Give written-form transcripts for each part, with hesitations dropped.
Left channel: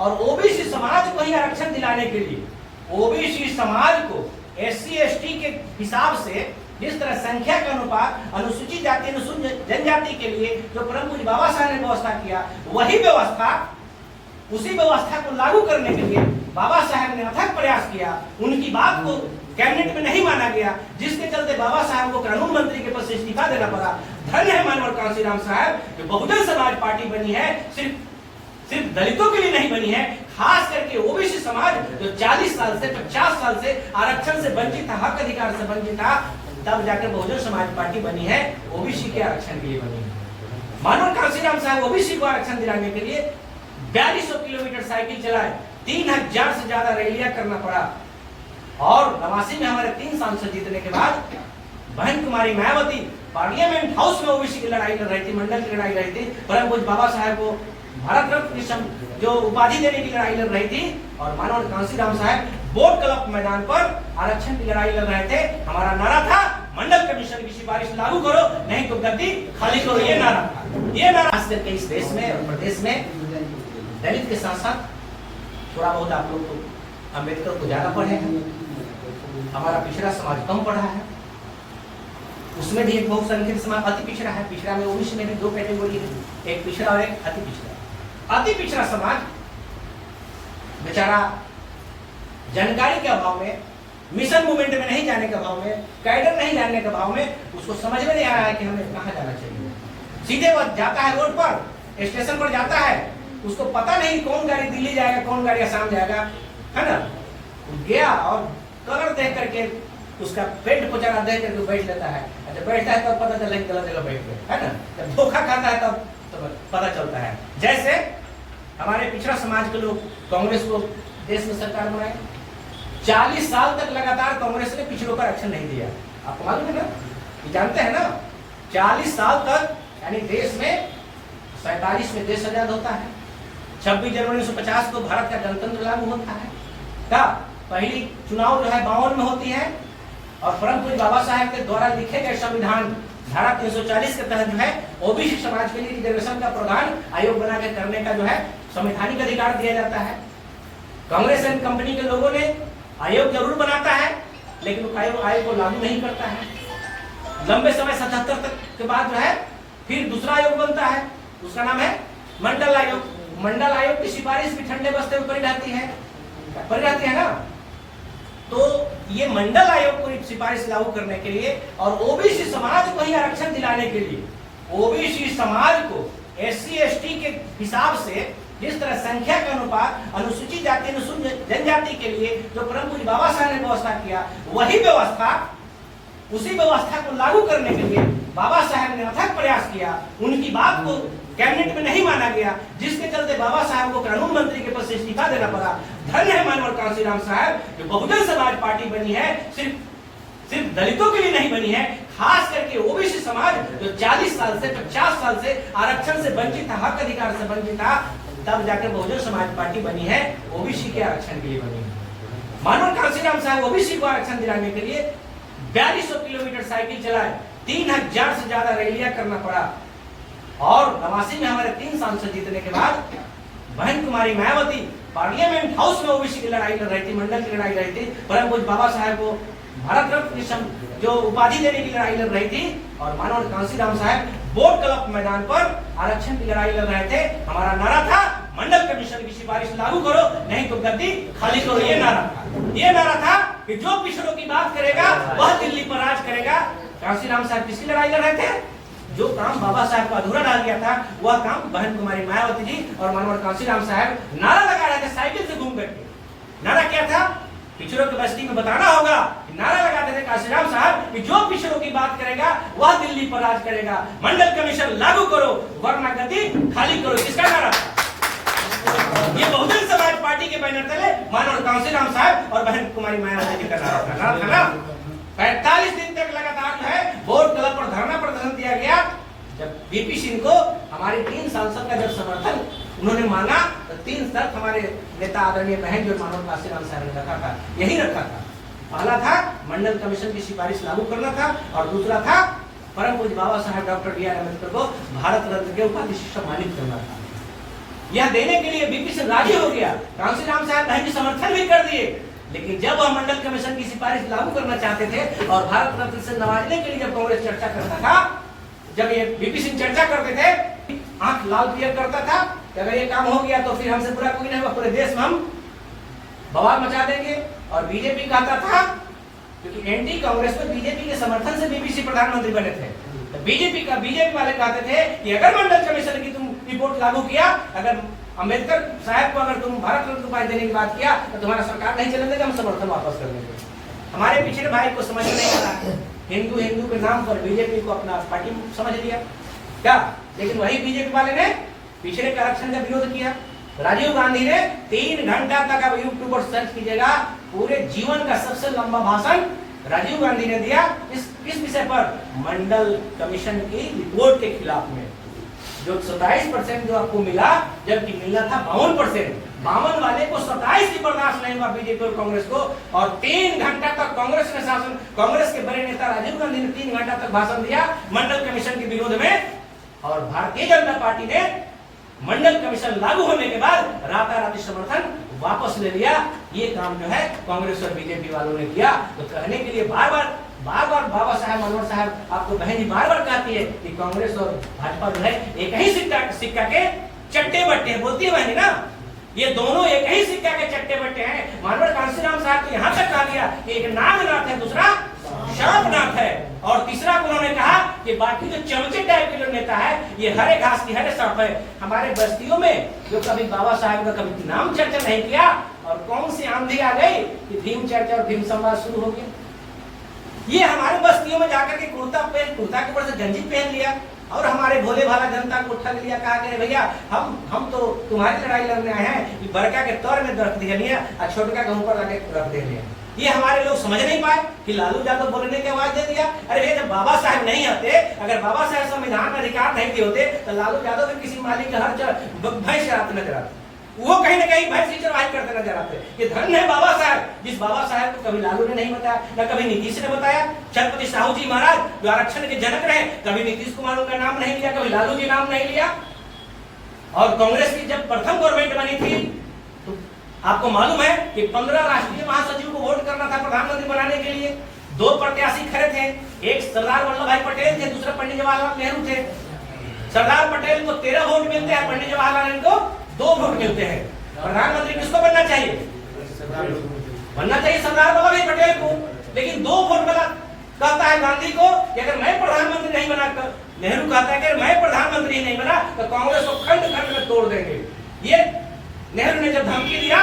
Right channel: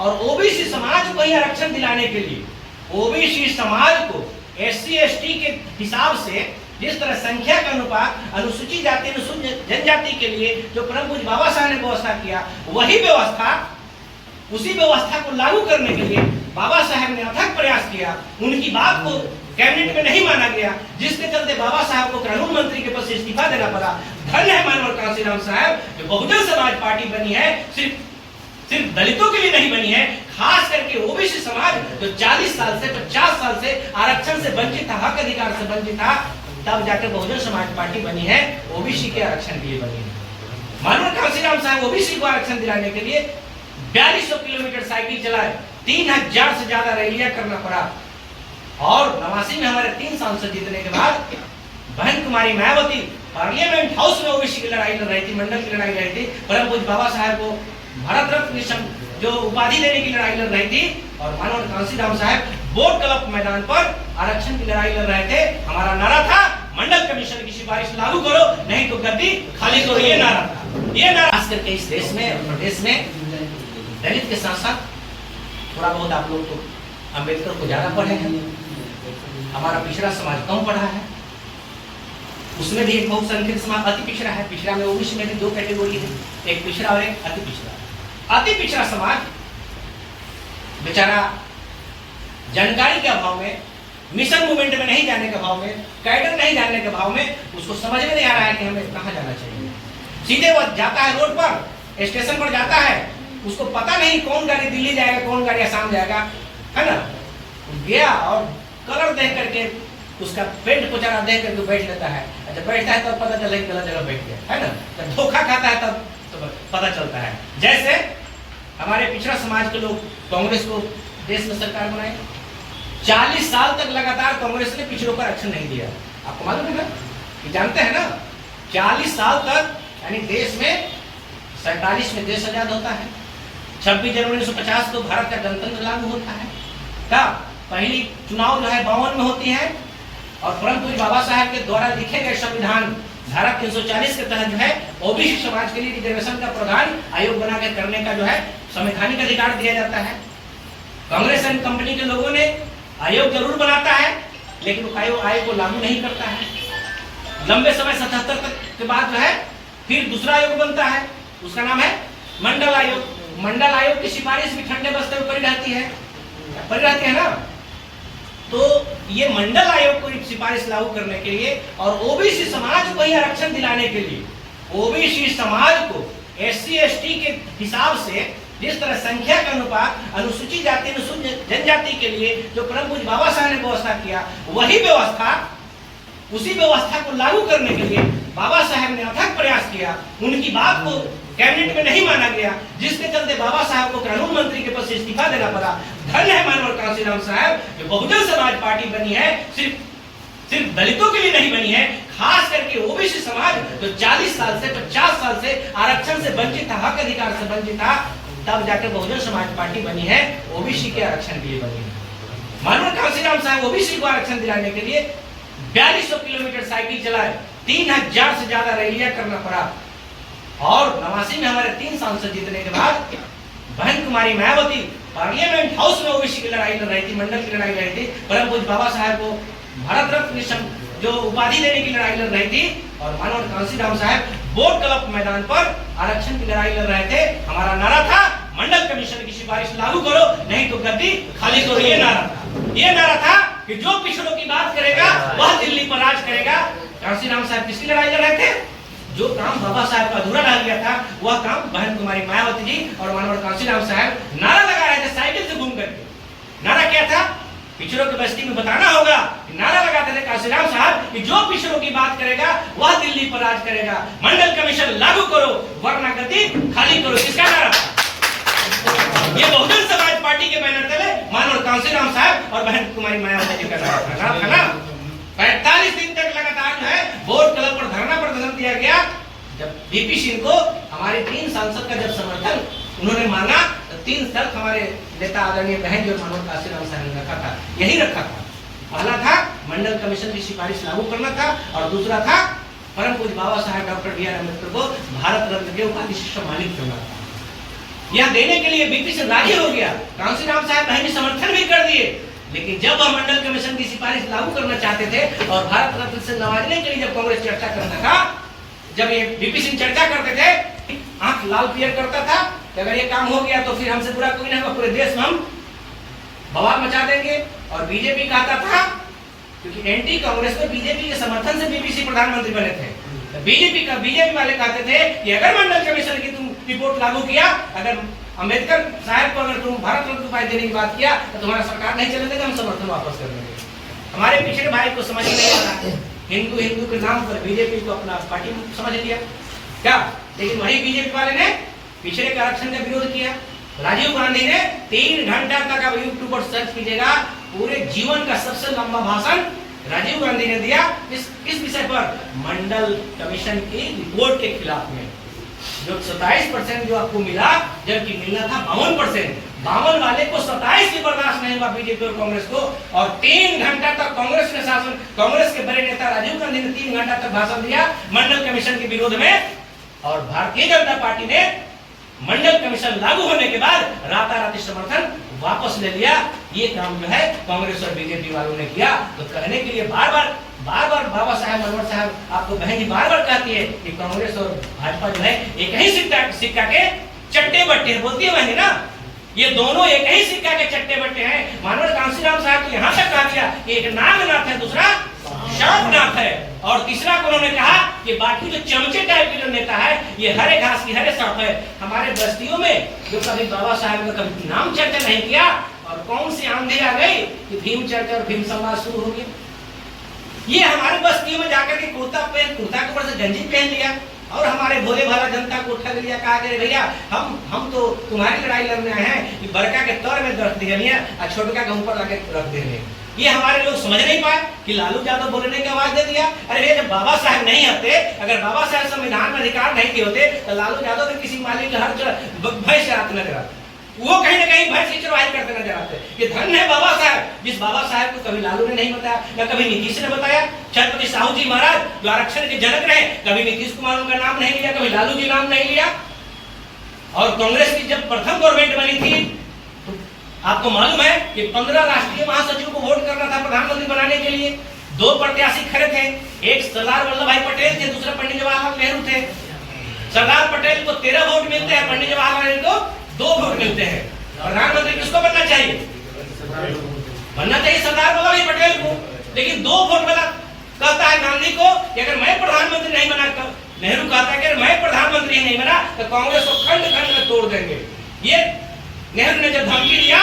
और ओबीसी समाज को ही आरक्षण दिलाने के लिए, ओबीसी समाज को एससी एसटी के हिसाब से जिस तरह संख्या का अनुपात अनुसूचित जाति अनुसूचित जनजाति के लिए जो परम पूज्य बाबा साहब ने व्यवस्था किया, वही व्यवस्था उसी व्यवस्था को लागू करने के लिए बाबा साहब ने अथक प्रयास किया। उनकी बात को कैबिनेट में नहीं माना गया, जिसके चलते बाबा साहब को कानून मंत्री के पद से इस्तीफा देना पड़ा। धन्य है मानवर कांशीराम साहब जो बहुजन समाज पार्टी बनी है, सिर्फ दलितों के लिए नहीं बनी है, खास करके ओबीसी समाज जो 40 साल से 50 साल से आरक्षण से वंचित था, हक अधिकार से वंचित था, तब जाकर बहुजन समाज पार्टी बनी है, ओबीसी के आरक्षण के लिए बनी है। मानवर कांशीराम साहब ओबीसी को आरक्षण दिलाने के लिए 4200 किलोमीटर साइकिल चलाए, 3000 से ज्यादा रैलियां करना पड़ा, और 89 में हमारे 3 सांसद जीतने के बाद बहन कुमारी मायावती पार्लियामेंट हाउस में ओबीसी की लड़ाई लड़ रही थी, मंडल की लड़ाई लड़ी थी, परम पूज्य बाबा साहब को भारत रत्न जो उपाधि देने की लड़ाई लड़ रही थी, और मानव कांशीराम साहब बोट क्लब मैदान पर आरक्षण की लड़ाई लड़ रहे थे। हमारा नारा था मंडल कमीशन की सिफारिश लागू करो, नहीं तो गद्दी खाली करो, ये नारा था। ये नारा खास करके इस देश में और प्रदेश में दलित के साथ साथ थोड़ा बहुत आप लोग तो अम्बेडकर को ज्यादा पढ़े हैं, हमारा पिछड़ा समाज कम पढ़ा है, उसमें भी एक बहुसंख्यक समाज अति पिछड़ा है। पिछड़ा में ओबीसी में भी 2 कैटेगरी है, एक पिछड़ा और एक अति पिछड़ा। अति पिछड़ा समाज बेचारा जानकारी के अभाव में, मिशन मूवमेंट में नहीं जाने के अभाव में, कैडर नहीं जानने के अभाव में, उसको समझ में नहीं आ रहा है कि हमें कहाँ जाना चाहिए। सीधे वह जाता है रोड पर, स्टेशन पर जाता है, उसको पता नहीं कौन गाड़ी दिल्ली जाएगा, कौन गाड़ी आसाम जाएगा, है ना। गया और कलर देख करके उसका पेंट पोचारा देख करके बैठ लेता है। अच्छा बैठता है तब पता चला कि गलत जगह बैठ गया, है ना। जब धोखा खाता है तब तो पता चलता है। जैसे हमारे पिछड़ा समाज के लोग कांग्रेस को देश में सरकार बनाए, 40 साल तक लगातार कांग्रेस ने पिछड़ों पर आरक्षण नहीं दिया। आपको मालूम है ना, ये जानते हैं ना, 40 साल तक, यानी देश में 47 में देश आजाद होता है, 26 जनवरी 1950 को भारत का गणतंत्र लागू होता है, तब पहली चुनाव जो है 52 में होती है, और परम पूज्य बाबा साहब के द्वारा लिखे गए संविधान धारा 340 के तहत जो है ओबीसी समाज के लिए रिजर्वेशन का प्रावधान आयोग बना के करने का जो है संवैधानिक अधिकार दिया जाता है। कांग्रेस एंड कंपनी के लोगों ने आयोग जरूर बनाता है, लेकिन आयोग को लागू नहीं करता है। लंबे समय 77 तक के बाद जो है फिर दूसरा आयोग बनता है, उसका नाम है मंडल आयोग। मंडल आयोग की सिफारिश भी ठंडे बस्ते में पड़ी रहती है ना। तो ये मंडल आयोग को सिफारिश लागू करने के लिए और ओबीसी समाज को ही आरक्षण दिलाने के लिए, ओबीसी समाज को एससी एसटी के हिसाब से जिस तरह संख्या का अनुपात अनुसूचित जाति अनुसूचित जनजाति के लिए जो परम पूज्य बाबा साहब ने व्यवस्था किया, वही व्यवस्था उसी व्यवस्था को लागू करने के लिए बाबा साहब ने अथक प्रयास किया। उनकी बात को कैबिनेट में नहीं माना गया, जिसके चलते बाबा साहब को कानून मंत्री के पद से इस्तीफा देना पड़ा। धन्य है मानवर कांशीराम साहब जो बहुजन समाज पार्टी बनी है, सिर्फ दलितों के लिए नहीं बनी है, खास करके ओबीसी समाज जो 40 साल से 50 साल से आरक्षण से वंचित था, हक अधिकार से वंचित था, तब जाकर बहुजन समाज पार्टी बनी है, ओबीसी के आरक्षण के लिए बनी है। मानवर कांशीराम साहब ओबीसी को आरक्षण दिलाने के लिए 4200 किलोमीटर साइकिल चलाए, 3000 से ज्यादा रैलियां करना पड़ा, और 89 में हमारे 3 सांसद जीतने के बाद बहन कुमारी मायावती पार्लियामेंट हाउस में ओबीसी की लड़ाई लड़ रही थी, मंडल की लड़ाई लड़ी थी, परम पूज्य बाबा साहब को भारत रत्न जो उपाधि देने की लड़ाई लड़ रही थी, और मानव कांशीराम साहब बोट क्लब मैदान पर आरक्षण की लड़ाई लड़ रहे थे। हमारा नारा था मंडल कमीशन की सिफारिश लागू करो, नहीं तो गद्दी खाली करो, ये नारा था। ये नारा था कि जो पिछड़ों की बात करेगा वह दिल्ली पर राज करेगा। कांशीराम साहब किसकी लड़ाई लड़ रहे थे? जो काम बाबा साहब का अधूरा रह गया था, वह काम बहन कुमारी मायावती जी और मानवर कांशीराम साहब नारा लगा रहे थे साइकिल से घूम करके। नारा क्या था? पिछड़ों की बस्ती में बताना होगा। नारा लगाते थे कांशीराम साहब कि जो पिछड़ों की बात करेगा वह दिल्ली पर राज करेगा, मंडल कमीशन लागू करो वरना गद्दी खाली करो। किसका नारा था? ये बहुजन समाज पार्टी के बैनर तले मानवर कांशीराम साहब और बहन कुमारी मायावती जी का नारा था ना। 45 दिन तक लगातार जो है बोर्ड क्लब पर धरना प्रदर्शन दिया गया। जब बीपी सिंह को हमारे 3 सांसद का जब समर्थन उन्होंने माना, तो 3 शर्त हमारे नेता आदरणीय बहन जो मानव कांशीराम साहब ने रखा था, यही रखा था। पहला था मंडल कमीशन की सिफारिश लागू करना था, और दूसरा था परम पूज्य बाबा साहब डॉक्टर बी आर अम्बेडकर को भारत रत्न के उपाधि से सम्मानित करना था। यह देने के लिए बीपी सिंह राजी हो गया, कांशीराम साहब ने समर्थन भी कर दिए। लेकिन जब वह मंडल कमीशन की सिफारिश लागू करना चाहते थे और भारत रत्न से नवाजने के लिए जब कांग्रेस चर्चा करता था, जब ये बीपी सिंह चर्चा करते थे, आंख लाल पियर करता था कि अगर ये काम हो गया तो फिर हमसे बुरा कोई नहीं होगा, पूरे देश में हम बवाल मचा देंगे। और बीजेपी कहता था, क्योंकि एंटी कांग्रेस में बीजेपी के समर्थन से बीपीसी प्रधानमंत्री बने थे, बीजेपी वाले कहते थे कि अगर मंडल कमीशन की तुम रिपोर्ट लागू किया, अगर अंबेडकर साहब को अगर तुम भारत रत्न उपाधि देने की बात किया तो तुम्हारा सरकार नहीं चलने देगा, हम समर्थन वापस कर देंगे। हमारे पिछड़े भाई को समझ नहीं आ रहा, हिंदू के नाम पर बीजेपी को अपना पार्टी समझ लिया क्या। लेकिन वही बीजेपी वाले ने पिछड़े के आरक्षण का विरोध किया। राजीव गांधी ने 3 घंटा तक, अब यूट्यूब पर सर्च कीजिएगा, पूरे जीवन का सबसे लंबा भाषण राजीव गांधी ने दिया। किस विषय पर? मंडल कमीशन की रिपोर्ट के खिलाफ में। जो 27% जो आपको मिला, जबकि मिलना था 52%, 52 वाले को 27 की बर्दाश्त नहीं हुआ बीजेपी और कांग्रेस को। और 3 घंटा तक कांग्रेस के बड़े नेता राजीव गांधी ने 3 घंटा तक भाषण दिया मंडल कमीशन के विरोध में। और भारतीय जनता पार्टी ने मंडल कमीशन लागू होने के बाद राताराती समर्थन वापस ले लिया। ये काम जो है कांग्रेस और बीजेपी वालों ने किया। तो कहने के लिए बार बार बाबा साहब मनोहर साहब आपको बहन जी बार कहती है कि कांग्रेस और भाजपा जो है एक ही सिक्का के चट्टे बट्टे बोलती है बहन ना, ये दोनों एक ही सिक्का के चट्टे बट्टे हैं। मानवर कांशीराम साहब तो यहाँ तक कहा दिया कि एक नागनाथ है, दूसरा शापनाथ है, और तीसरा उन्होंने कहा कि बाकी जो चमचे टाइप के जो नेता है ये हरे घास की हरे सांप है। हमारे बस्तियों में जो कभी बाबा साहब का कभी नाम चर्चा नहीं किया, और कौन सी आंधी आ गई कि भीम चर्चा और भीम संवाद शुरू हो गया। ये हमारे बस्तियों में जाकर के कुर्ता के ऊपर से गंजी पहन लिया और हमारे भोले भाला जनता को ठग लिया। कहा कि भैया हम तो तुम्हारी लड़ाई लड़ने आए हैं, कि बड़का के तौर में दर्द दे लिया और छोटका के ऊपर लगे रख दे लिया। ये हमारे लोग समझ नहीं पाए कि लालू यादव बोलने की आवाज दे दिया। अरे ये जब बाबा साहब नहीं आते, अगर बाबा साहब संविधान में अधिकार नहीं दिए होते तो लालू यादव तो किसी मालिक का हर भैंस चराते नजर आते, वो कहीं ना कहीं भैंस की चरवाही करते नजर आते। ये धन्य है बाबा साहब, जिस बाबा साहब को कभी लालू ने नहीं बताया, न कभी नीतीश ने बताया। छत्रपति साहू जी महाराज जो आरक्षण के जनक रहे, कभी नीतीश कुमार उनका नाम नहीं लिया, कभी लालू जी नाम नहीं लिया। और कांग्रेस की जब प्रथम गवर्नमेंट बनी थी तो आपको मालूम है कि 15 राष्ट्रीय महासचिव को वोट करना था प्रधानमंत्री बनाने के लिए। 2 प्रत्याशी खड़े थे, एक सरदार वल्लभ भाई पटेल थे, दूसरा पंडित जवाहरलाल नेहरू थे। सरदार पटेल को 13 वोट मिलते हैं, पंडित जवाहरलाल नेहरू को 2 वोट मिलते हैं। प्रधानमंत्री किसको बनना चाहिए? बनना चाहिए सरदार वल्लभ भाई पटेल को। लेकिन 2 वोट मिला। कहता है गांधी को कि अगर मैं प्रधानमंत्री नहीं बना, नेहरू कहता है कि अगर मैं प्रधानमंत्री नहीं बना तो कांग्रेस को खंड खंड में तोड़ देंगे। ये नेहरू ने जब धमकी दिया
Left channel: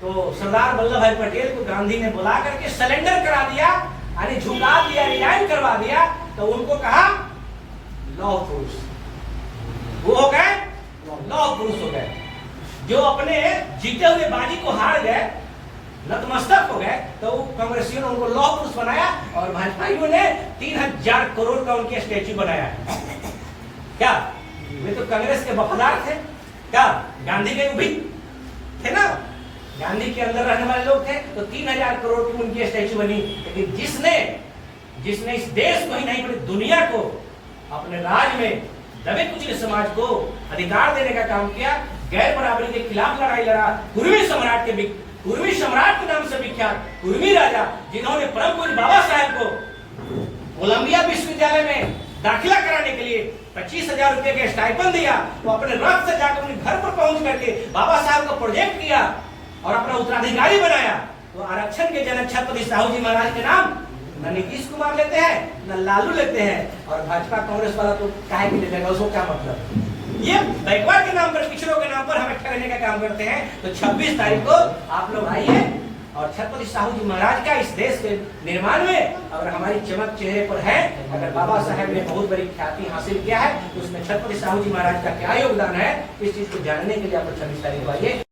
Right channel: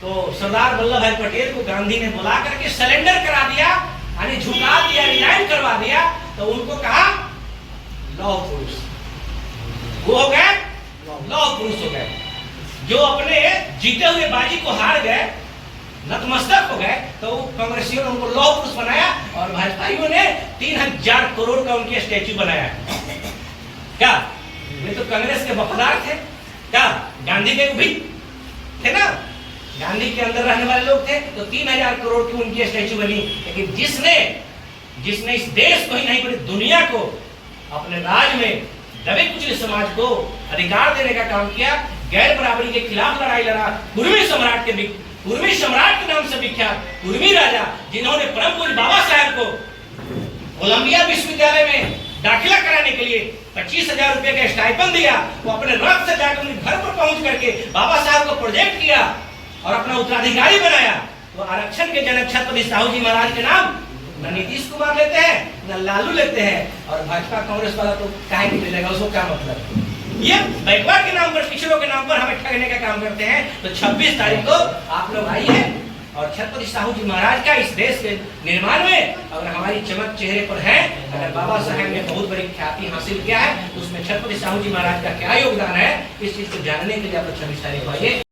तो सरदार वल्लभ भाई पटेल को गांधी ने बुला करके सरेंडर करा दिया, यानी झुका दिया, रिजाइन करवा दिया। तो उनको कहा लौह पुरुष, वो हो गए लौह पुरुष हो गए। जो अपने जीते हुए बाजी को हार गए, नतमस्तक हो गए, तो कांग्रेसियों ने उनको लौह पुरुष बनाया। और भाजपाइयों ने 3000 करोड़ का उनके स्टैच्यू बनाया। क्या ये तो कांग्रेस के वफादार थे? क्या गांधी के भी थे ना, गांधी के अंदर रहने वाले लोग थे। तो 3000 करोड़ की उनकी स्टैच्यू बनी। लेकिन जिसने इस देश को ही नहीं पूरी दुनिया को अपने राज में दबे कुचले समाज को अधिकार देने का काम किया, गैर बराबरी के खिलाफ लड़ाई लड़ा, कुर्मी सम्राट के नाम से विख्यात कुर्मी राजा, जिन्होंने परम पूज्य बाबा साहब को कोलंबिया विश्वविद्यालय में दाखिला कराने के लिए 25,000 रुपए का स्टाइपेंड दिया। वो अपने रथ से जाकर उनके घर पर पहुंच करके बाबा साहब को प्रोजेक्ट किया और अपना उत्तराधिकारी बनाया। तो आरक्षण के जनक छत्रपति साहू जी महाराज के नाम न नीतीश कुमार लेते हैं, न लालू लेते हैं। और भाजपा कांग्रेस वाला तो काहे नहीं लेगा, उसको क्या मतलब? ये बैकवर्ड के नाम पर, पिछड़ों के नाम पर हमें ठगने का काम करते हैं। तो 26 तारीख को आप लोग आइए और छत्रपति साहू जी महाराज का इस देश के निर्माण में अगर हमारी चमक चेहरे पर है, अगर बाबा साहब ने बहुत बड़ी ख्याति हासिल किया है, तो उसमें छत्रपति साहू जी महाराज का क्या योगदान है, इस चीज को जानने के लिए आप 26 तारीख को आइए।